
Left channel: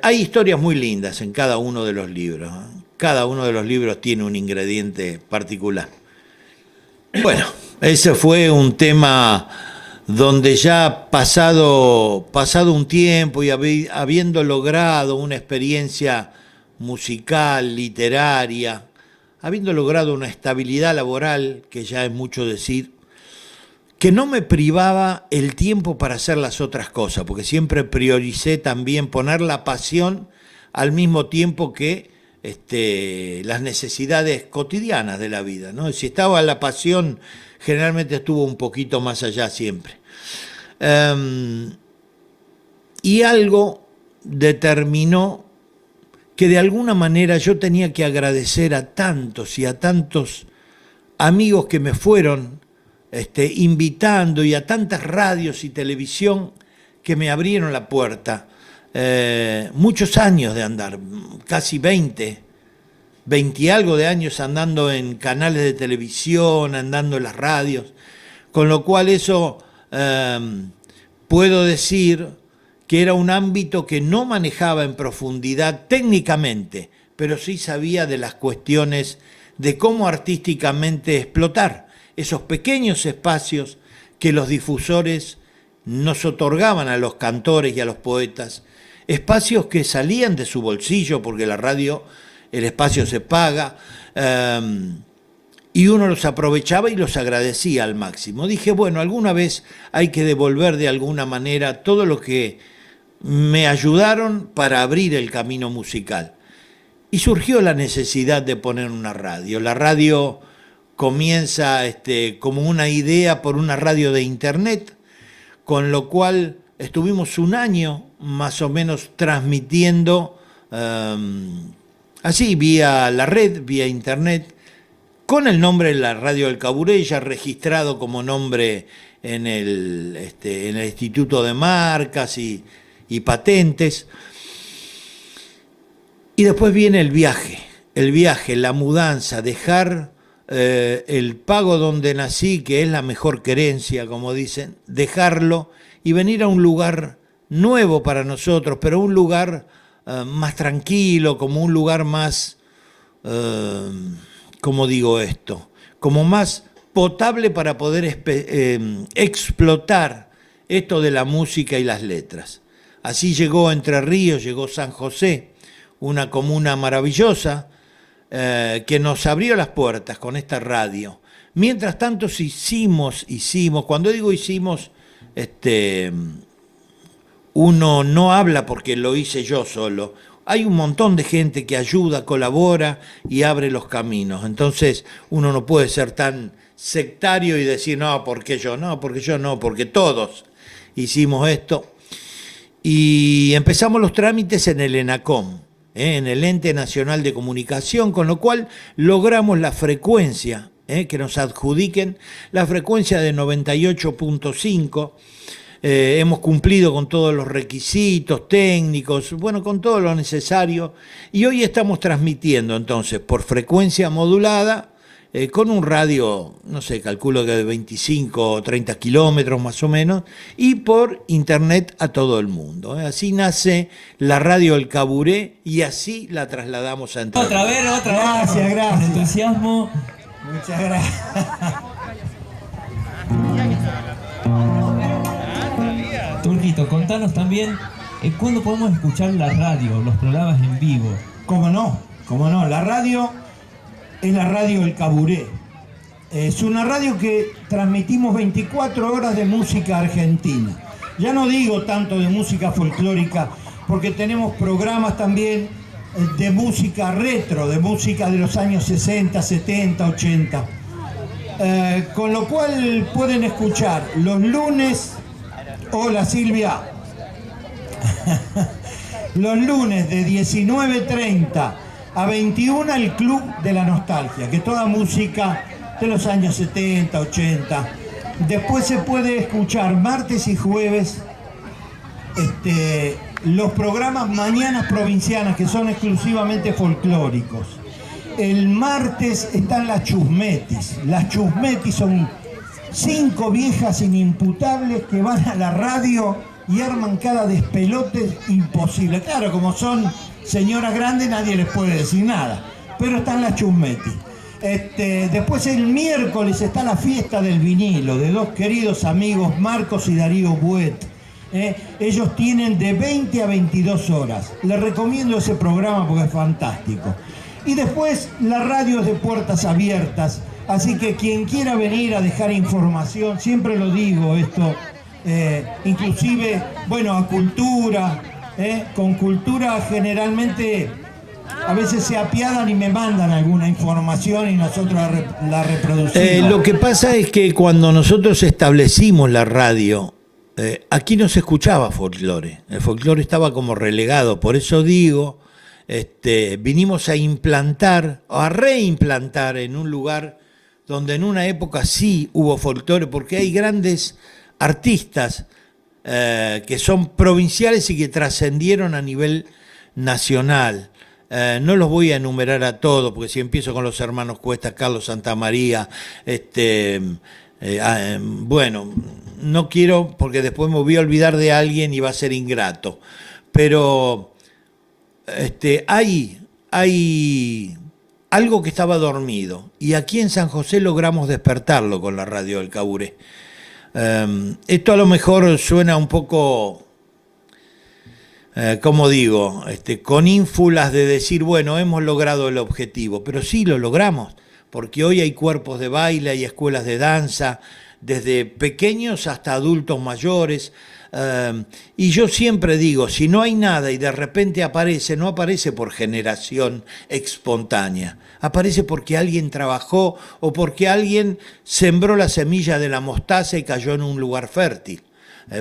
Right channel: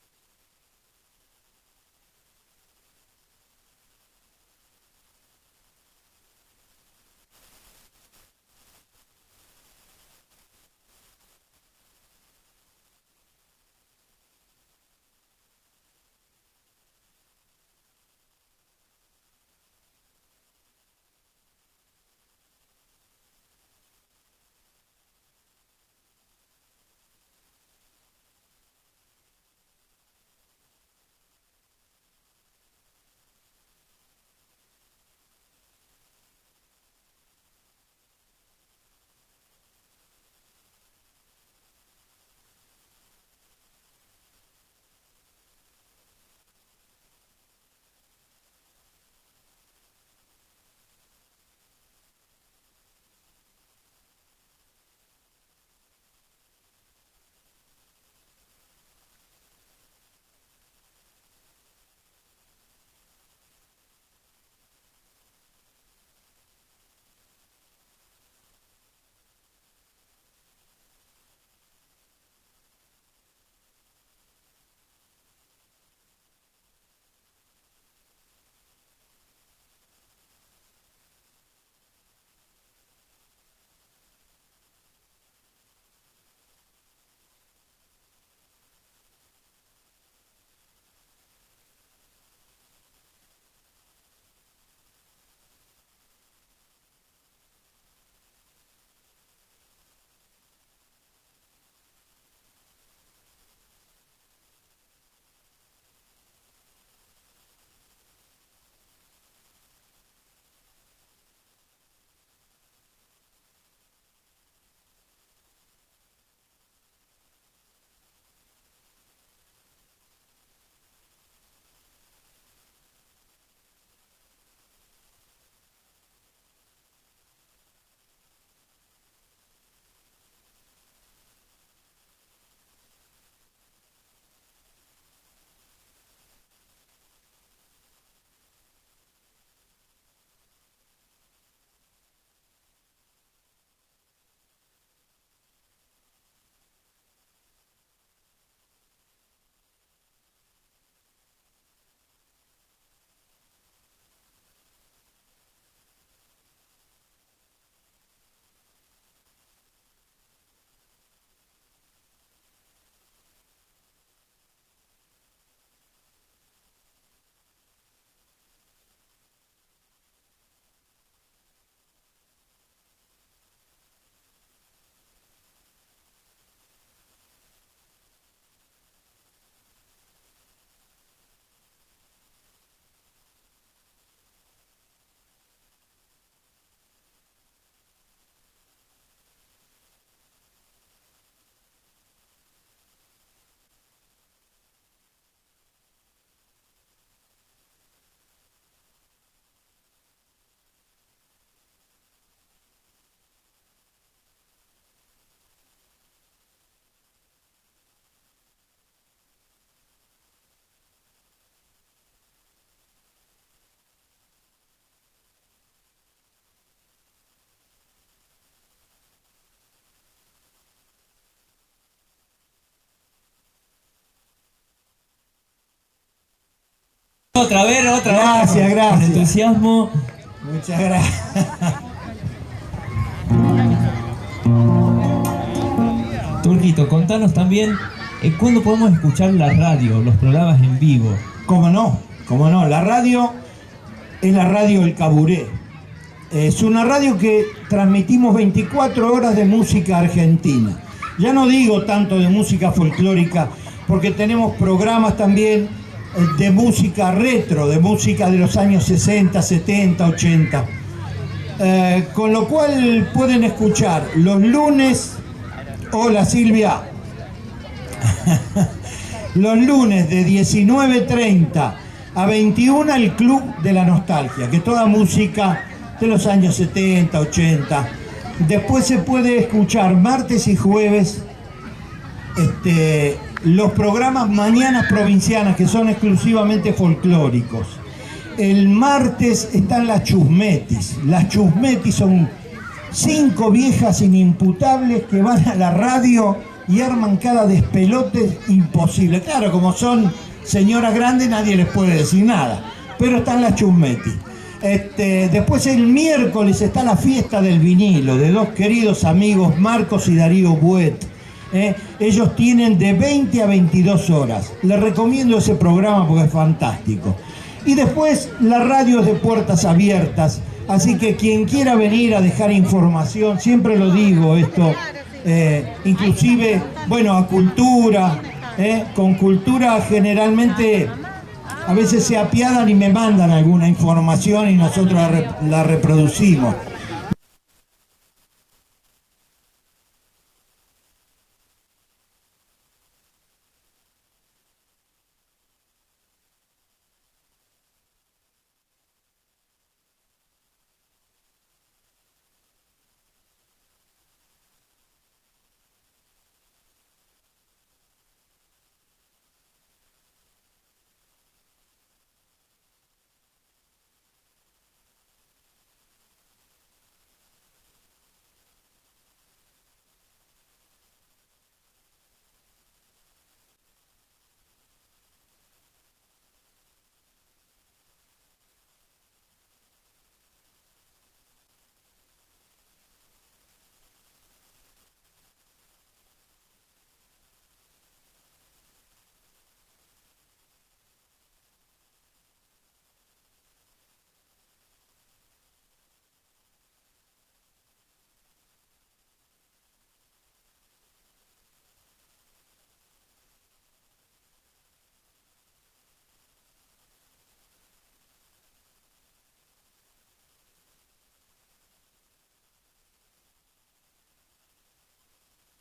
hay historias muy lindas en cada uno de los libros. Cada uno de los libros tiene un ingrediente particular. Bueno, ese fue un tema donde ya pasado un tiempo y habiendo logrado una experiencia musical, literaria, habiendo logrado una estabilidad laboral, que ya es mucho decir, que no me privaba el tiempo para hacer las otras cosas, porque siempre prioricé también poner la pasión al mismo tiempo que las necesidades cotidianas de la vida, ¿no? Si estaba la pasión, generalmente estuvo un poquito más allá siempre. Y algo determinó que de alguna manera yo tenía que agradecer a tantos y a tantos amigos que me fueron invitando, y a tantas radios y televisión que me abrieron la puerta. Muchos años de andar, casi 20 y algo de años andando en canales de televisión, andando en las radios, con lo cual eso puedo decir que era un ámbito que no manejaba en profundidad técnicamente, pero sí sabía de las cuestiones de cómo artísticamente explotar esos pequeños espacios que los difusores nos otorgaban a los cantores y a los poetas, espacios que salían de su bolsillo, porque la radio, el espacio se paga, y uno los aprovechaba y los agradecía al máximo. Dije, bueno, alguna vez hay que devolver de alguna manera todo lo que me ayudaron para abrir el camino musical. Y surgió la necesidad de poner una radio. La radio comienza como una idea por una radio de internet, con lo cual estuvimos un año más o menos transmitiendo así, vía la red, vía internet, con el nombre de la Radio del Caburé, ya registrado como nombre en el Instituto de Marcas y Patentes. Y después viene el viaje, la mudanza, dejar el pago donde nací, que es la mejor querencia, como dicen, dejarlo y venir a un lugar nuevo para nosotros, pero un lugar más tranquilo, como un lugar más, ¿cómo digo esto? Como más potable para poder explotar esto de la música y las letras. Así llegó Entre Ríos, llegó San José, una comuna maravillosa, que nos abrió las puertas con esta radio. Mientras tanto hicimos, cuando digo hicimos, uno no habla porque lo hice yo solo. Hay un montón de gente que ayuda, colabora y abre los caminos. Entonces uno no puede ser tan sectario y decir, no, porque yo no, porque todos hicimos esto. Y empezamos los trámites en el ENACOM, en el Ente Nacional de Comunicación, con lo cual logramos la frecuencia, que nos adjudiquen, la frecuencia de 98.5. Hemos cumplido con todos los requisitos técnicos, bueno, con todo lo necesario, y hoy estamos transmitiendo entonces por frecuencia modulada, con un radio, no sé, calculo que de 25 o 30 kilómetros más o menos, y por internet a todo el mundo. Así nace la Radio El Caburé y así la trasladamos a Entre Ríos. Otra vez. Gracias. Con entusiasmo. Muchas gracias. Turquito, contanos también cuándo podemos escuchar la radio, los programas en vivo. ¿Cómo no? La radio es la Radio El Caburé. Es una radio que transmitimos 24 horas de música argentina. Ya no digo tanto de música folclórica, porque tenemos programas también de música retro, de música de los años 60, 70, 80. Con lo cual pueden escuchar los lunes. Hola Silvia. Los lunes de 19:30 a 21 el Club de la Nostalgia, que es toda música de los años 70, 80. Después se puede escuchar martes y jueves los programas Mañanas Provincianas, que son exclusivamente folclóricos. El martes están las chusmetis. Las chusmetis son 5 viejas inimputables que van a la radio y arman cada despelote imposible. Claro, como son señoras grandes nadie les puede decir nada, pero están las chusmetis. Después el miércoles está la fiesta del vinilo de dos queridos amigos, Marcos y Darío Buet. Ellos tienen de 20 a 22 horas. Les recomiendo ese programa porque es fantástico. Y después la radio es de puertas abiertas, así que quien quiera venir a dejar información, siempre lo digo esto, inclusive, bueno, a Cultura, con Cultura generalmente a veces se apiadan y me mandan alguna información y nosotros la reproducimos. Lo que pasa es que cuando nosotros establecimos la radio, aquí no se escuchaba folclore, el folclore estaba como relegado, por eso digo, vinimos a implantar, a reimplantar en un lugar donde en una época sí hubo folclore, porque hay grandes artistas que son provinciales y que trascendieron a nivel nacional. No los voy a enumerar a todos, porque si empiezo con los hermanos Cuesta, Carlos Santamaría, bueno, no quiero, porque después me voy a olvidar de alguien y va a ser ingrato. Pero hay algo que estaba dormido, y aquí en San José logramos despertarlo con la radio del Caburé. Esto a lo mejor suena un poco, como digo, con ínfulas de decir, bueno, hemos logrado el objetivo, pero sí lo logramos, porque hoy hay cuerpos de baile, hay escuelas de danza, desde pequeños hasta adultos mayores, y yo siempre digo, si no hay nada y de repente aparece, no aparece por generación espontánea, aparece porque alguien trabajó o porque alguien sembró la semilla de la mostaza y cayó en un lugar fértil.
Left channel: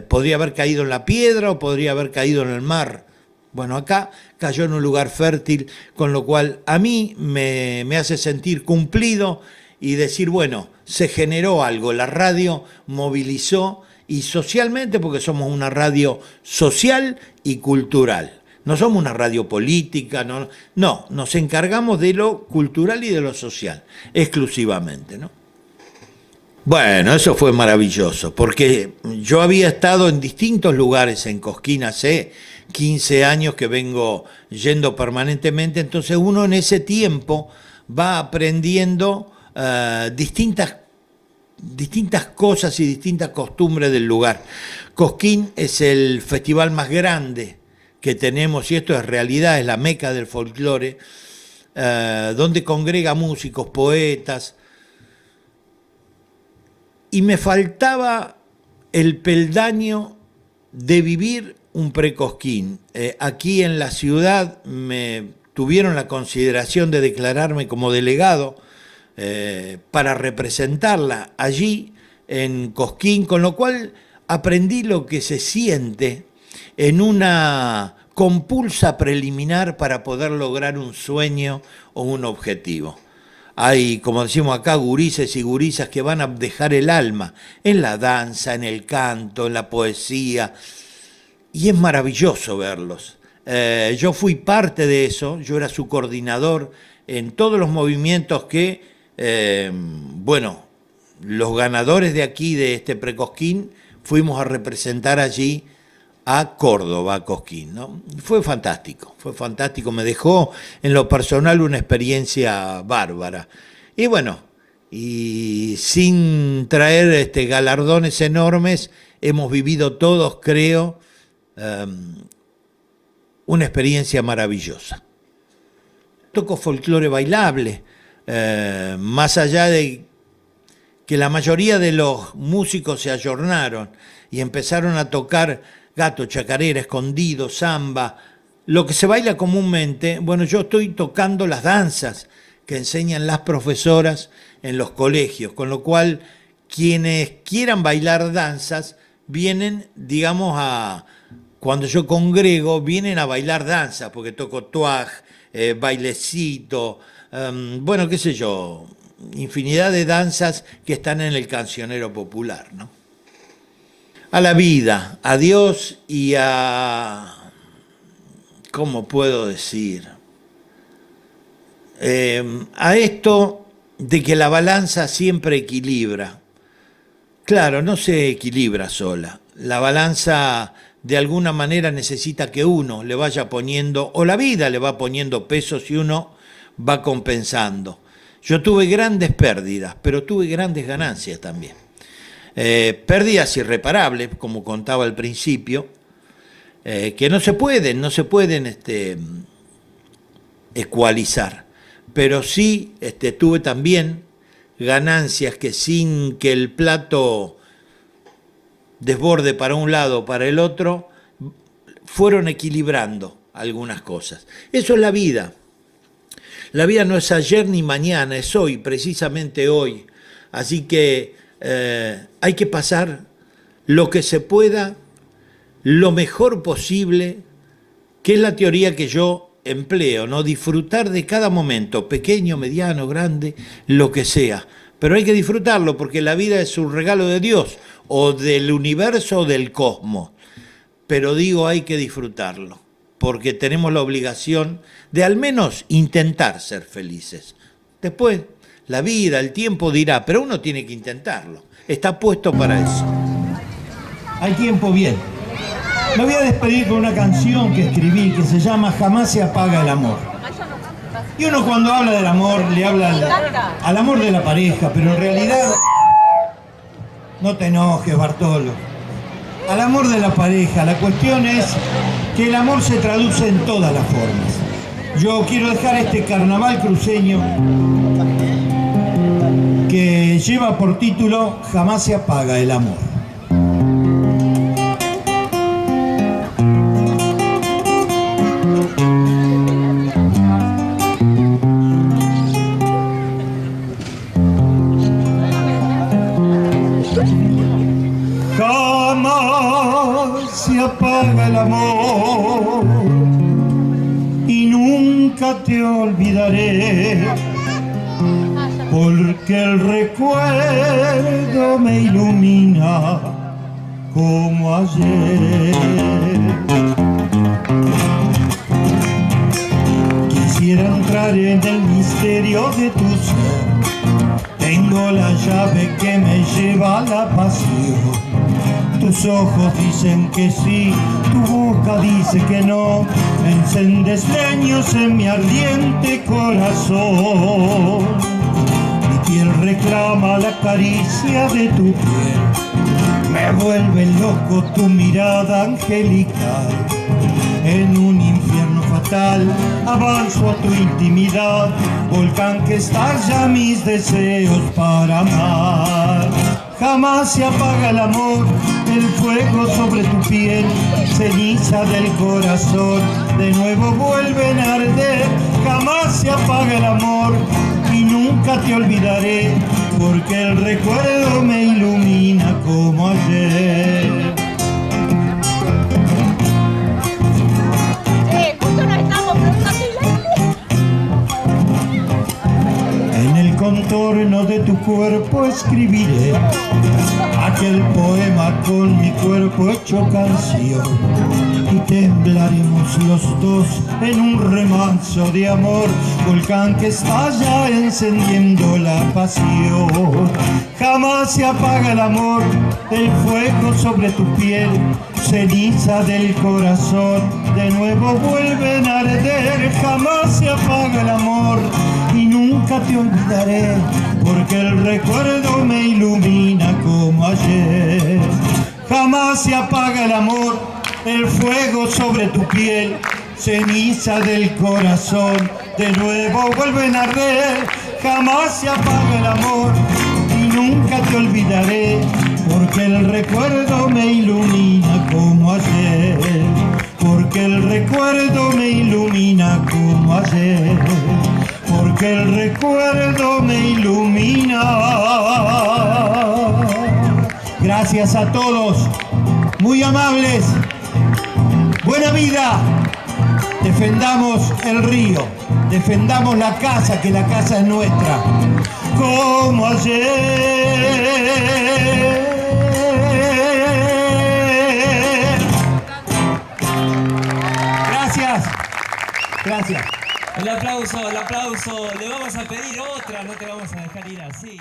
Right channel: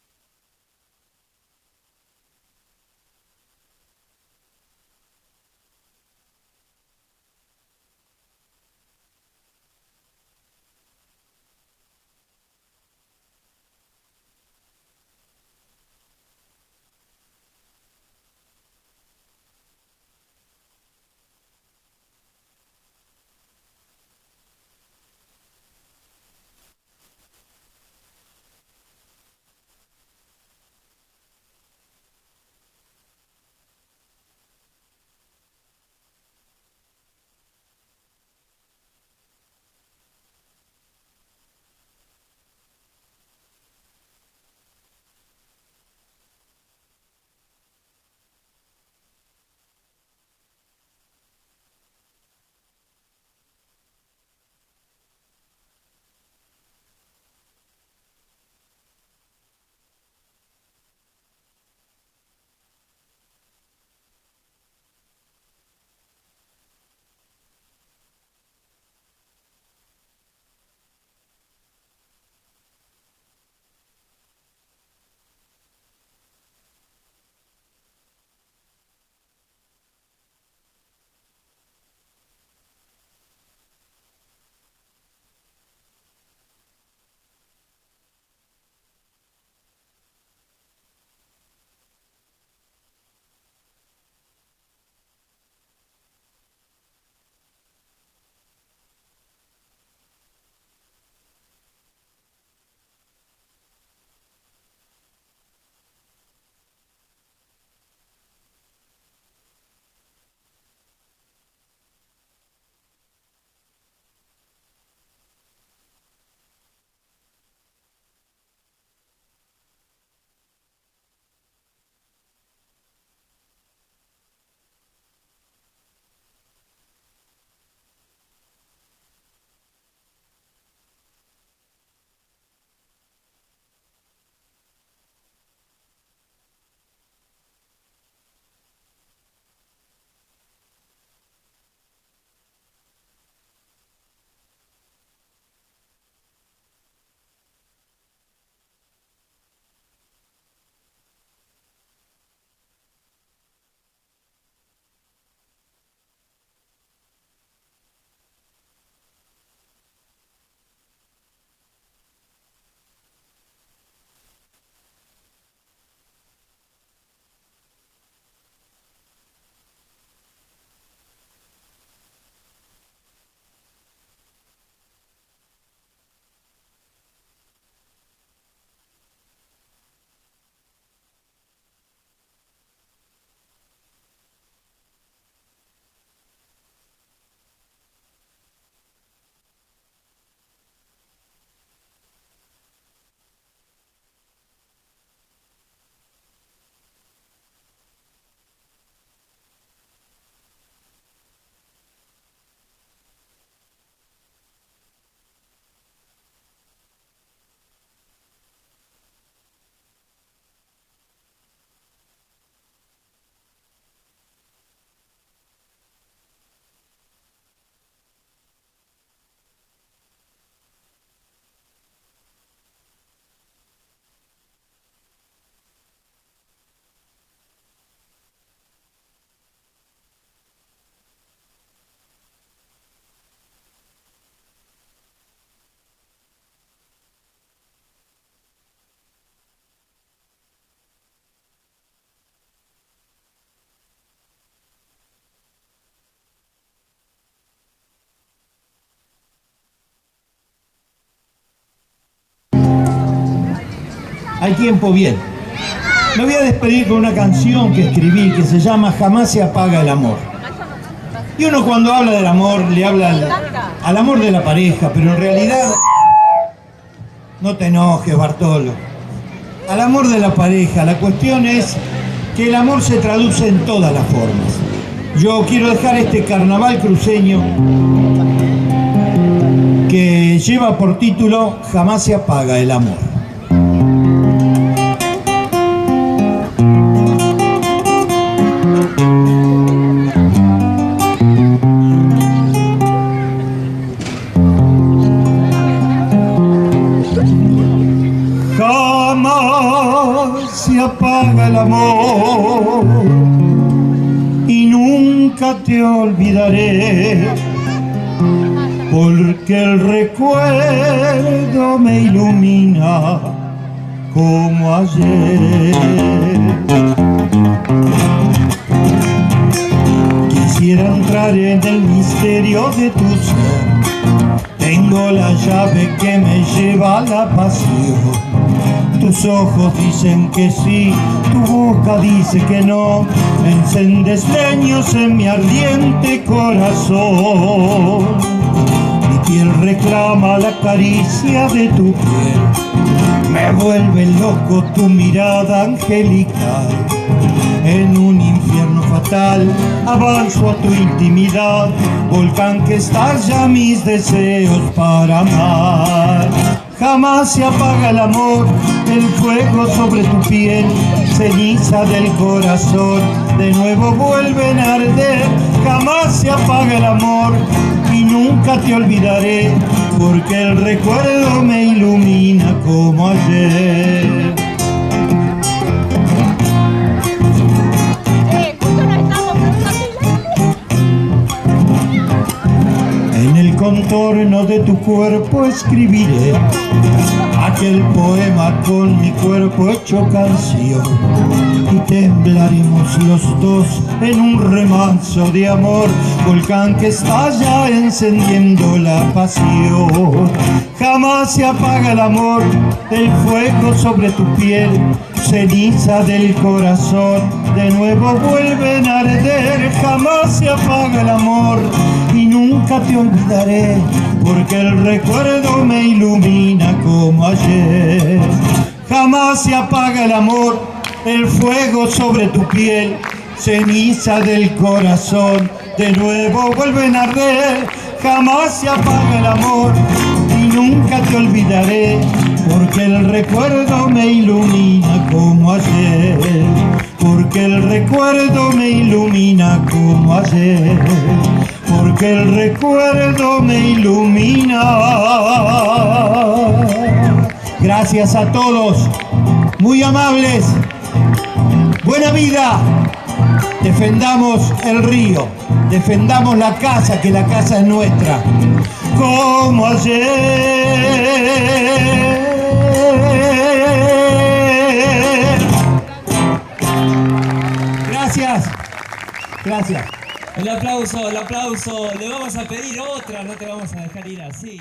Podría haber caído en la piedra o podría haber caído en el mar. Bueno, acá cayó en un lugar fértil, con lo cual a mí me hace sentir cumplido y decir, bueno, se generó algo, la radio movilizó, y socialmente, porque somos una radio social y cultural. No somos una radio política, no, nos encargamos de lo cultural y de lo social, exclusivamente, ¿no? Bueno, eso fue maravilloso, porque yo había estado en distintos lugares en Cosquín hace 15 años que vengo yendo permanentemente, entonces uno en ese tiempo va aprendiendo distintas cosas y distintas costumbres del lugar. Cosquín es el festival más grande que tenemos, y esto es realidad, es la meca del folclore, donde congrega músicos, poetas, y me faltaba el peldaño de vivir un pre-Cosquín. Aquí en la ciudad me tuvieron la consideración de declararme como delegado para representarla allí en Cosquín, con lo cual aprendí lo que se siente en una compulsa preliminar para poder lograr un sueño o un objetivo. Hay, como decimos acá, gurises y gurisas que van a dejar el alma en la danza, en el canto, en la poesía, y es maravilloso verlos. Yo fui parte de eso, yo era su coordinador en todos los movimientos que bueno, los ganadores de aquí, de este pre-Cosquín, fuimos a representar allí a Córdoba, a Cosquín, ¿no? Fue fantástico, me dejó en lo personal una experiencia bárbara. Y bueno, y sin traer galardones enormes, hemos vivido todos, creo, una experiencia maravillosa. Toco folclore bailable, más allá de que la mayoría de los músicos se ayornaron y empezaron a tocar gato, chacarera, escondido, samba, lo que se baila comúnmente. Bueno, yo estoy tocando las danzas que enseñan las profesoras en los colegios, con lo cual quienes quieran bailar danzas vienen, digamos, cuando yo congrego, vienen a bailar danza, porque toco tuaj, bailecito, bueno, qué sé yo, infinidad de danzas que están en el cancionero popular, ¿no? A la vida, a Dios y ¿cómo puedo decir? A esto de que la balanza siempre equilibra. Claro, no se equilibra sola. La balanza de alguna manera necesita que uno le vaya poniendo, o la vida le va poniendo pesos y uno va compensando. Yo tuve grandes pérdidas, pero tuve grandes ganancias también. Pérdidas irreparables, como contaba al principio, que no se pueden ecualizar. Pero sí tuve también ganancias que, sin que el plato desborde para un lado o para el otro, fueron equilibrando algunas cosas. Eso es la vida. La vida no es ayer ni mañana, es hoy, precisamente hoy. Así que hay que pasar lo que se pueda, lo mejor posible, que es la teoría que yo empleo, ¿no? Disfrutar de cada momento, pequeño, mediano, grande, lo que sea, pero hay que disfrutarlo porque la vida es un regalo de Dios o del universo o del cosmos. Pero digo, hay que disfrutarlo porque tenemos la obligación de al menos intentar ser felices. Después, la vida, el tiempo dirá, pero uno tiene que intentarlo. Está puesto para eso. Al tiempo bien. Me voy a despedir con una canción que escribí que se llama Jamás se apaga el amor. Y uno cuando habla del amor le habla al amor de la pareja, pero en realidad, no te enojes, Bartolo, al amor de la pareja. La cuestión es que el amor se traduce en todas las formas. Yo quiero dejar este carnaval cruceño que lleva por título Jamás se apaga el amor. Jamás se apaga el amor y nunca te olvidaré, porque el recuerdo me ilumina como ayer. Quisiera entrar en el misterio de tu ser. Tengo la llave que me lleva a la pasión. Tus ojos dicen que sí, tu boca dice que no. Encendes leños en mi ardiente corazón. Mi piel reclama la caricia de tu piel. Me vuelve loco tu mirada angelical. En un infierno fatal avanzo a tu intimidad, volcán que estalla mis deseos para amar. Jamás se apaga el amor, el fuego sobre tu piel, ceniza del corazón, de nuevo vuelven a arder. Jamás se apaga el amor y nunca te olvidaré, porque el recuerdo me ilumina como ayer. En el contorno de tu cuerpo escribiré aquel poema con mi cuerpo hecho canción, y temblaremos los dos en un remanso de amor, volcán que estalla encendiendo la pasión. Jamás se apaga el amor, el fuego sobre tu piel, ceniza del corazón, de nuevo vuelven a arder. Jamás se apaga el amor y nunca te olvidaré, porque el recuerdo me ilumina como ayer. Jamás se apaga el amor, el fuego sobre tu piel, ceniza del corazón, de nuevo vuelven a arder. Jamás se apaga el amor y nunca te olvidaré, porque el recuerdo me ilumina como ayer. Porque el recuerdo me ilumina como ayer. Porque el recuerdo me ilumina. Gracias a todos, muy amables. Buena vida. Defendamos el río, defendamos la casa, que la casa es nuestra. Como ayer. Gracias. Gracias. El aplauso, le vamos a pedir otra, no te vamos a dejar ir así.